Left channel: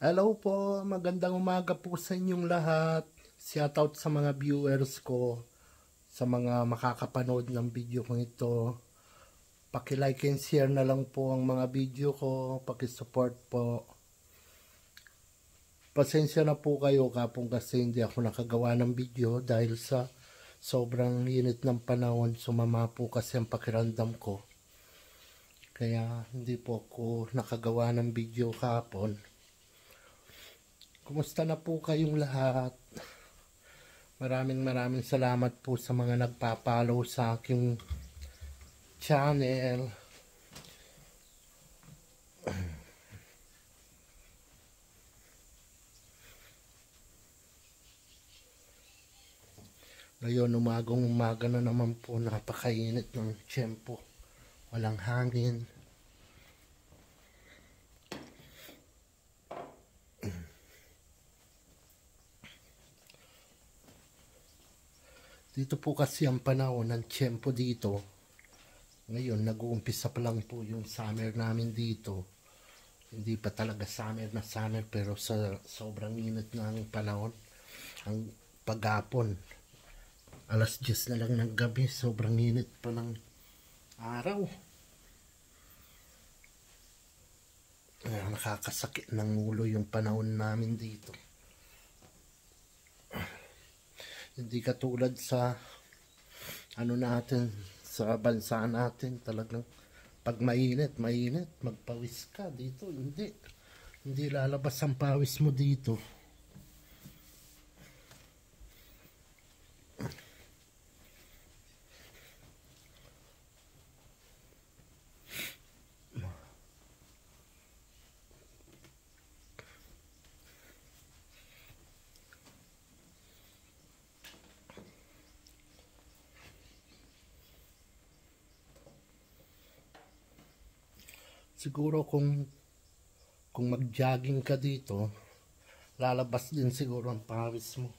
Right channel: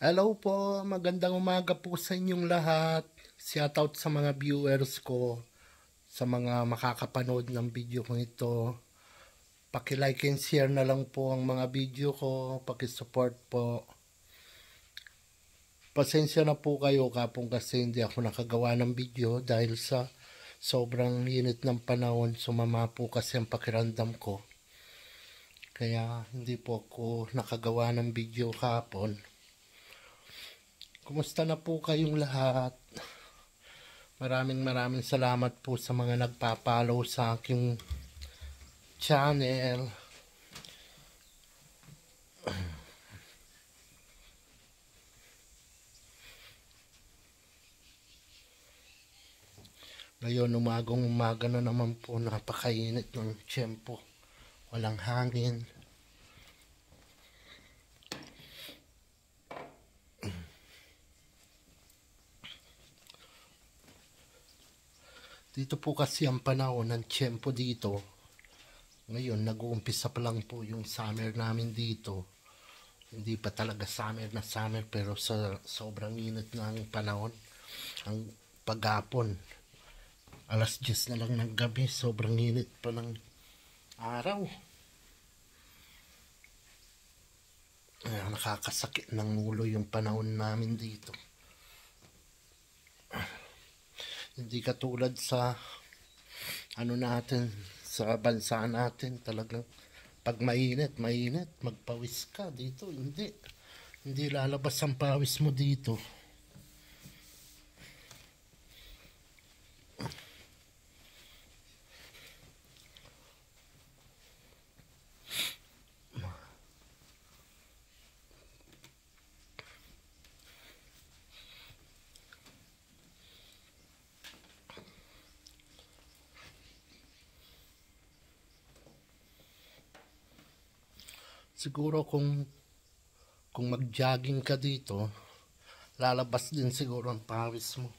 Hello po, magandang umaga po sa inyong lahat. Shoutout sa mga viewers ko, sa mga makakapanood ng video ko ito. Paki-like and share na lang po ang mga video ko, paki-support po. Pasensya na po kayo kapong kasi hindi ako nakagawa ng video dahil sa sobrang init ng panahon, sumama po kasi ang pakiramdam ko. Kaya hindi po ako nakagawa ng video kahapon. Kumusta na po kayong lahat? Maraming salamat po sa mga nagpa-follow sa aking channel. Ngayon, umaga na naman po, napakainit ng tiyempo. Walang hangin. Dito po kasi ang panahon ng tiyempo dito. Ngayon, nag-uumpisa pa lang po yung summer namin dito. Hindi pa talaga summer na summer, pero sa sobrang init ng panahon, ang paghapon, alas 10 na lang ng gabi, sobrang init pa ng araw. Nakakasakit ng ulo yung panahon namin dito. Hindi katulad sa ano natin, sa bansa natin, talagang pag mainit, magpawis ka. Dito hindi lalabas ang pawis mo dito. Siguro kung mag-jogging ka dito, lalabas din siguro ang pawis mo.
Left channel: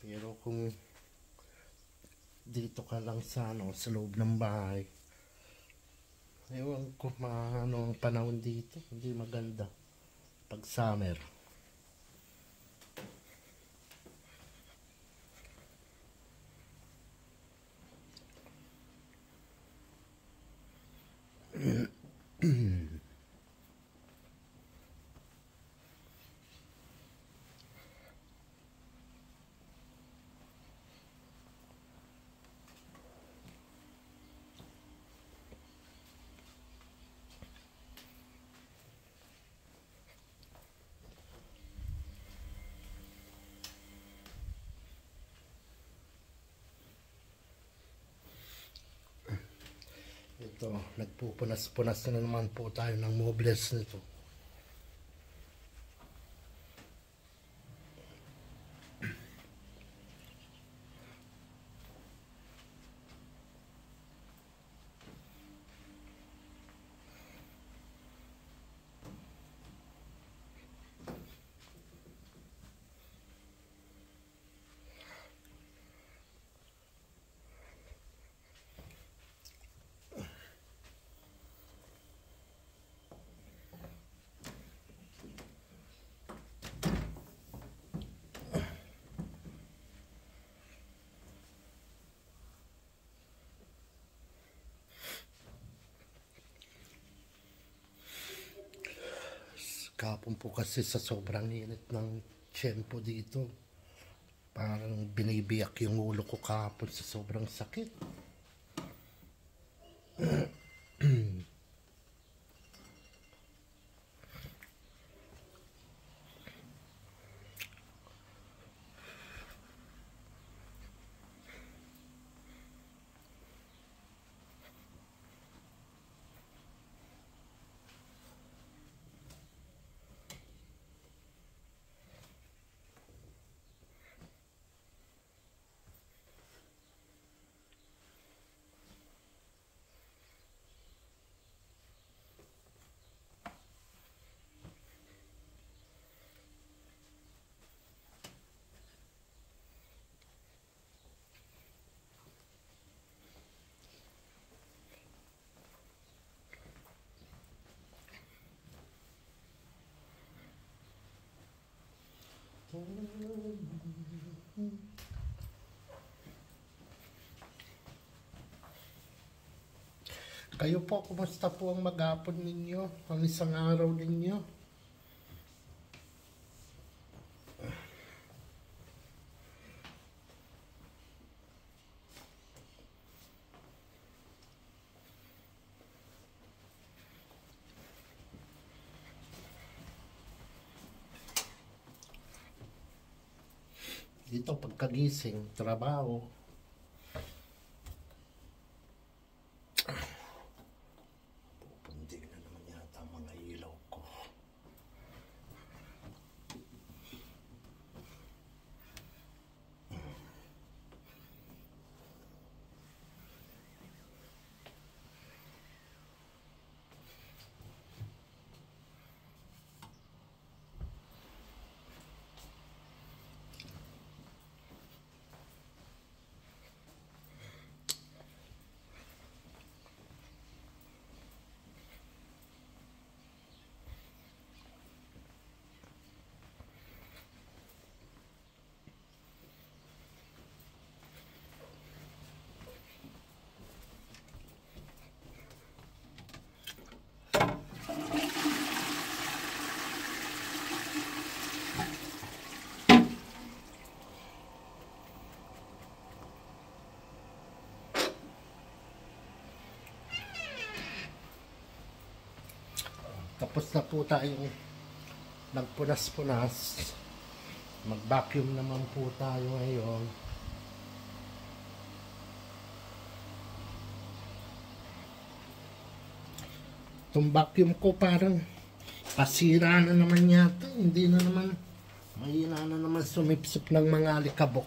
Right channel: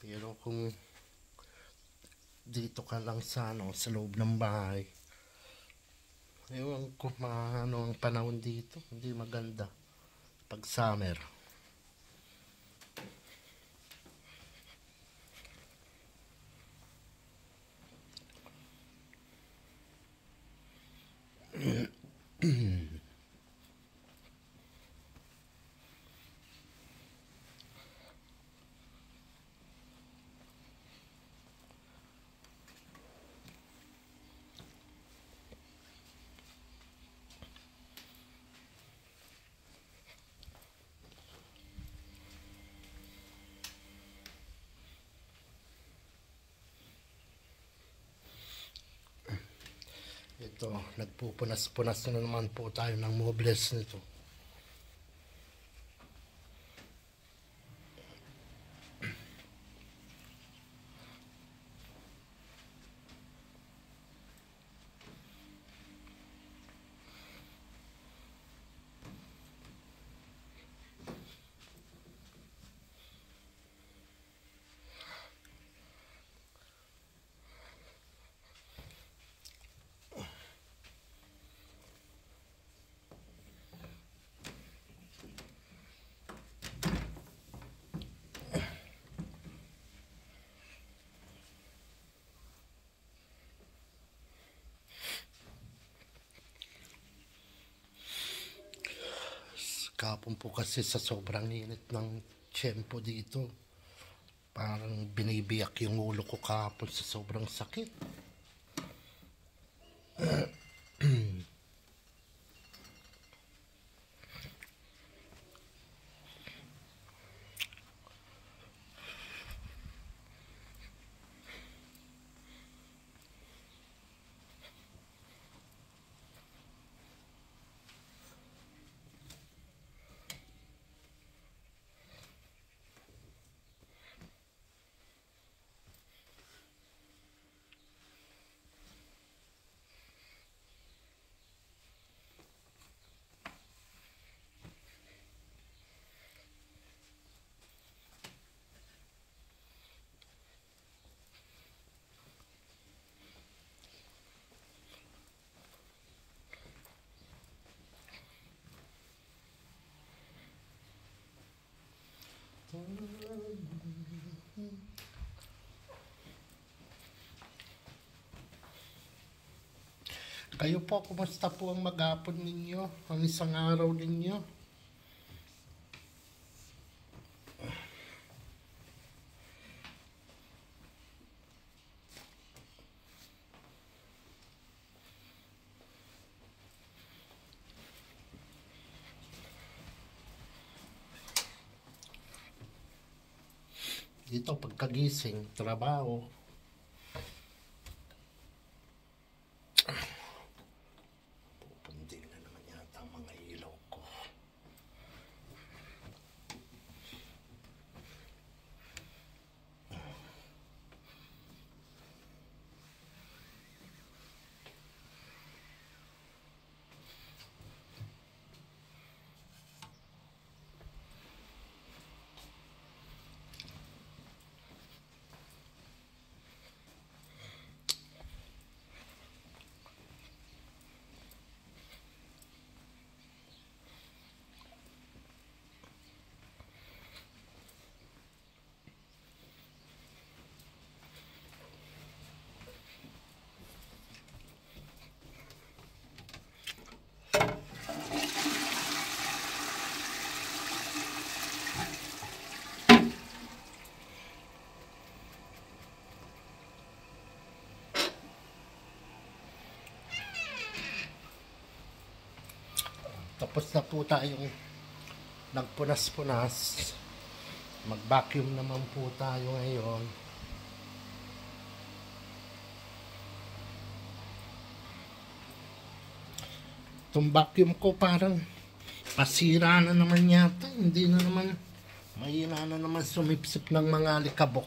Pero kung dito ka lang sa sa loob ng bahay, ewan ko ano ang panahon dito, hindi maganda pag summer. Ito, nagpupunas-punas na naman po tayo ng mobles nito. Kapon po kasi sa sobrang init ng tiyempo dito, parang binibiyak yung ulo ko kapon sa sobrang sakit. Kayo po, kumusta po ang maghapon ninyo? Ang isang araw ninyo? Dito pagkagising, trabaho. Pupunding na naman yata ang mga ilaw ko. Tapos na po tayong nagpunas-punas. Mag-vacuum naman po tayo ngayon. Itong vacuum ko parang pasira na naman yata. Hindi na naman, mahina na naman sumipsip ng mga alikabok.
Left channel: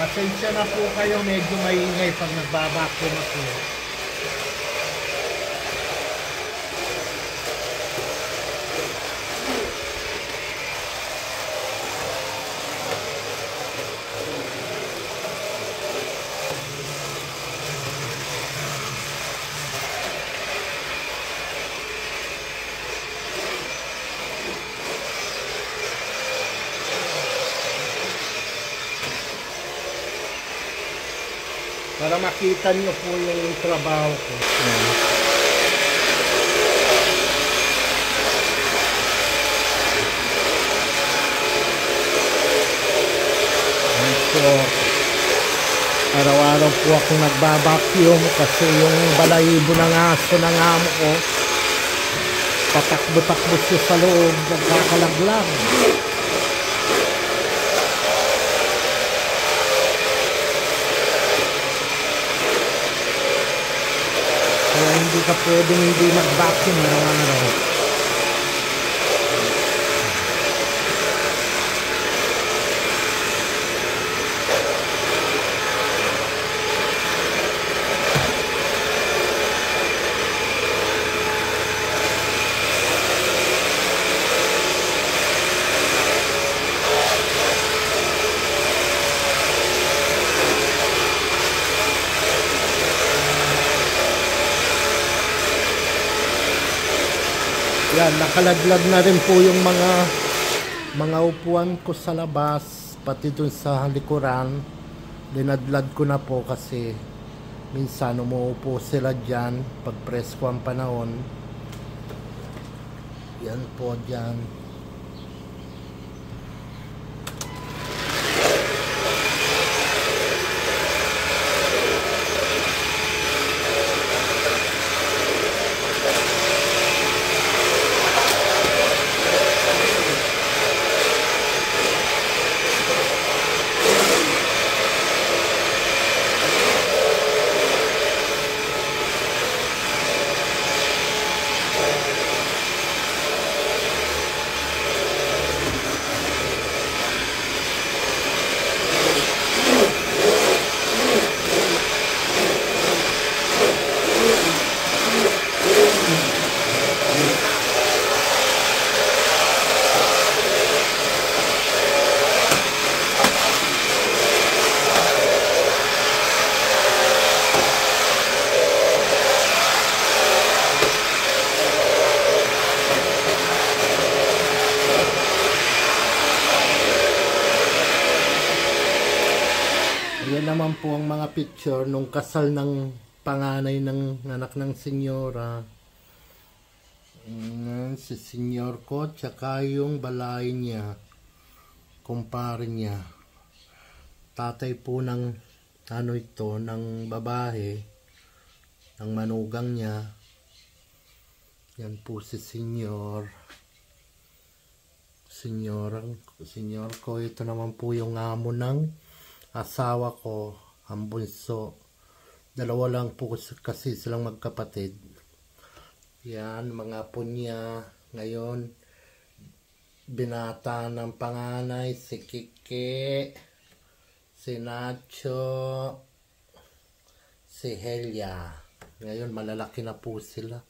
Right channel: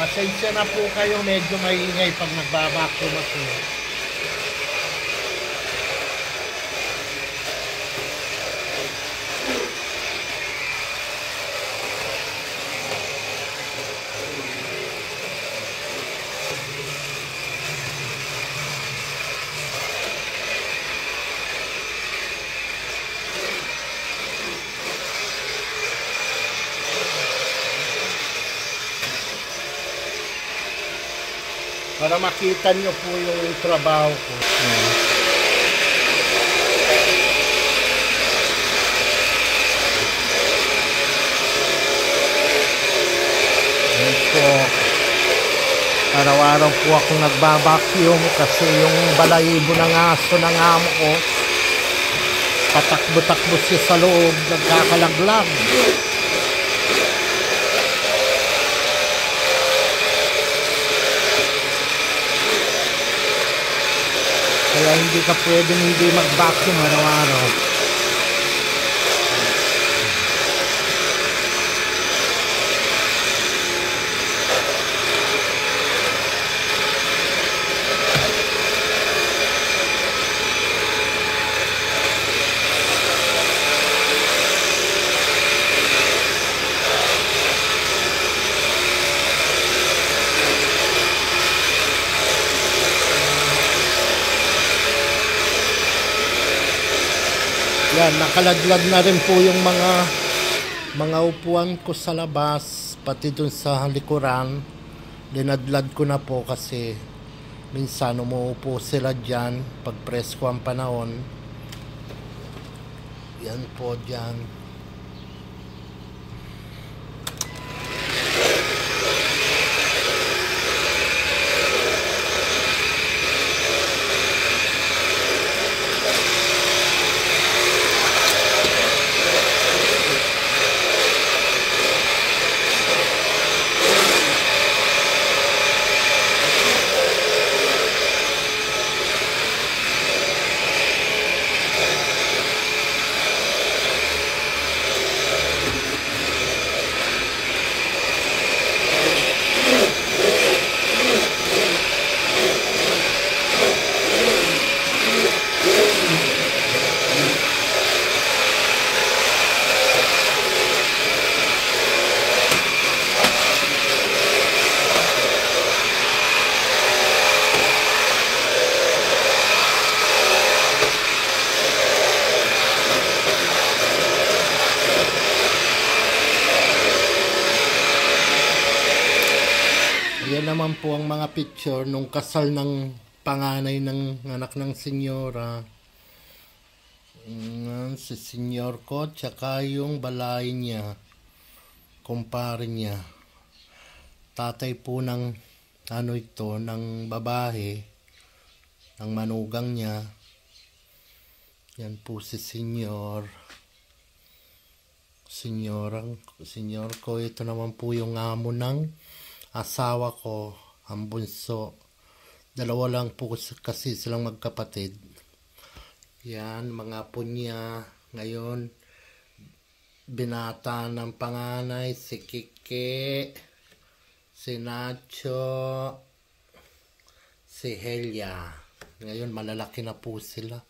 Pasensya na po kayo, medyo maingay pag nagbabacuum ako. Para makita nyo po yung trabaho ko. Yan. Yan po. Araw-araw po ako nagbabacuum kasi yung balahibo ng aso ng amo ko patakbo-takbo siya sa loob, nagkakalaglag. Kaya hindi ka pwedeng hindi mag-vacuum araw-araw. Yan, nakalaglag na rin po yung mga upuan ko sa labas, pati dun sa likuran. Linadlad ko na po kasi minsan umuupo sila dyan pag presko ang panahon. Yan po dyan. naman po ang mga picture nung kasal ng panganay ng anak ng senyora. Si senyor ko, tsaka yung balay niya, kumpare niya. Tatay po ng ng babae, ng manugang niya. Yan po si senyor. Senyor ko, ito naman po yung amo ng asawa ko, ang bunso. Dalawa lang po kasi silang magkapatid. Yan, mga apo niya. Ngayon, binata ng panganay, si Kike, si Nacho, si Helia. Ngayon, malalaki na po sila.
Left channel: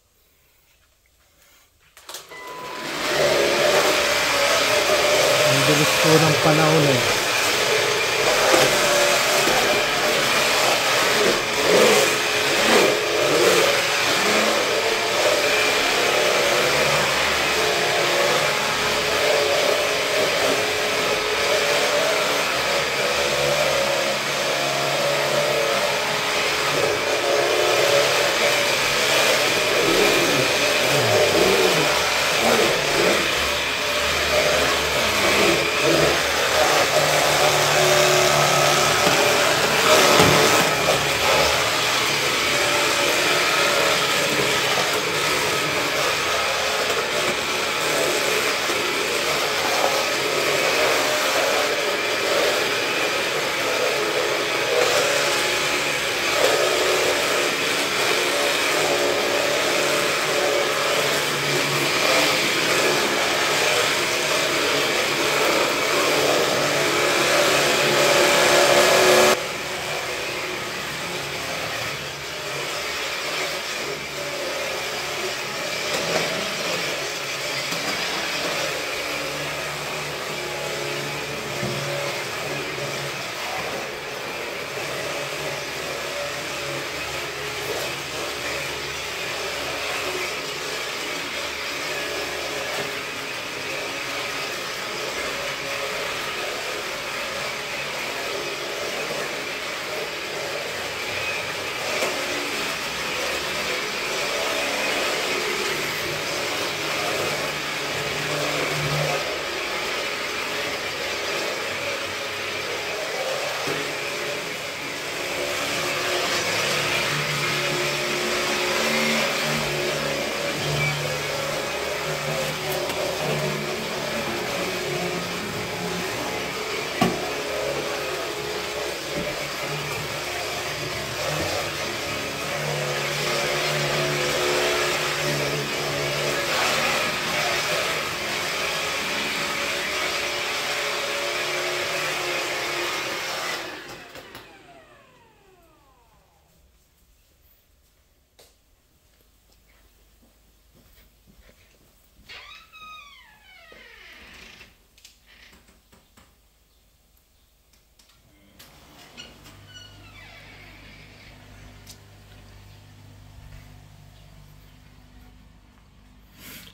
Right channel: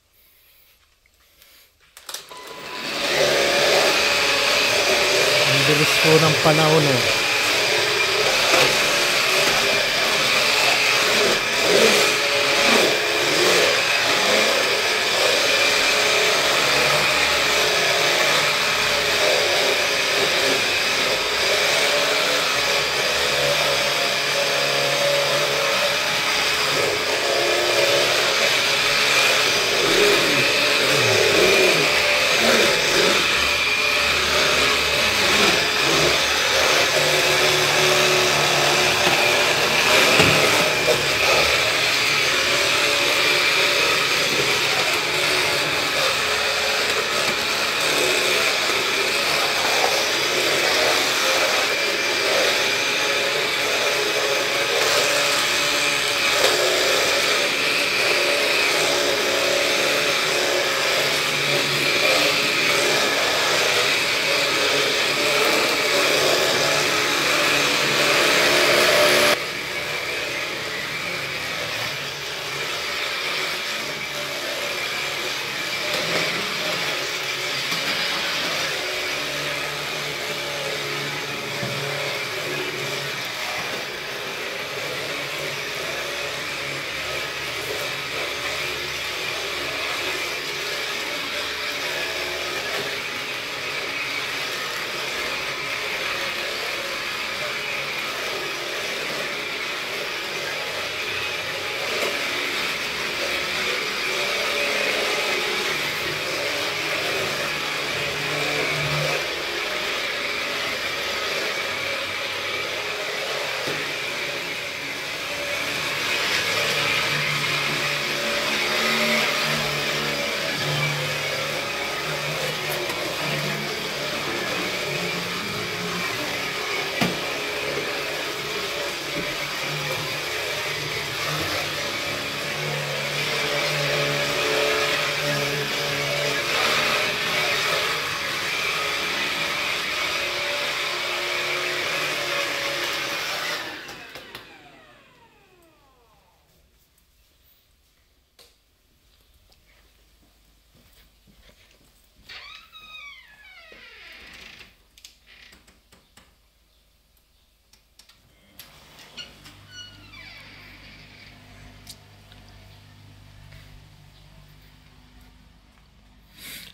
Ang bilis po ng panahon eh.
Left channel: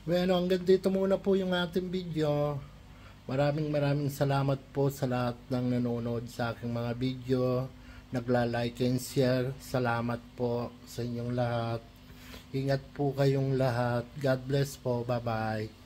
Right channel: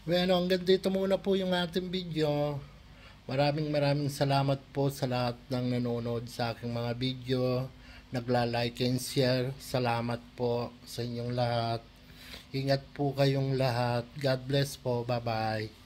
Bueno, hanggang dito muna po yung ating video. Maraming salamat po sa lahat ng nanonood sa aking mga video, nagla-like and share. Salamat po sa inyong lahat. Ingat po kayong lahat. God bless po. Bye-bye.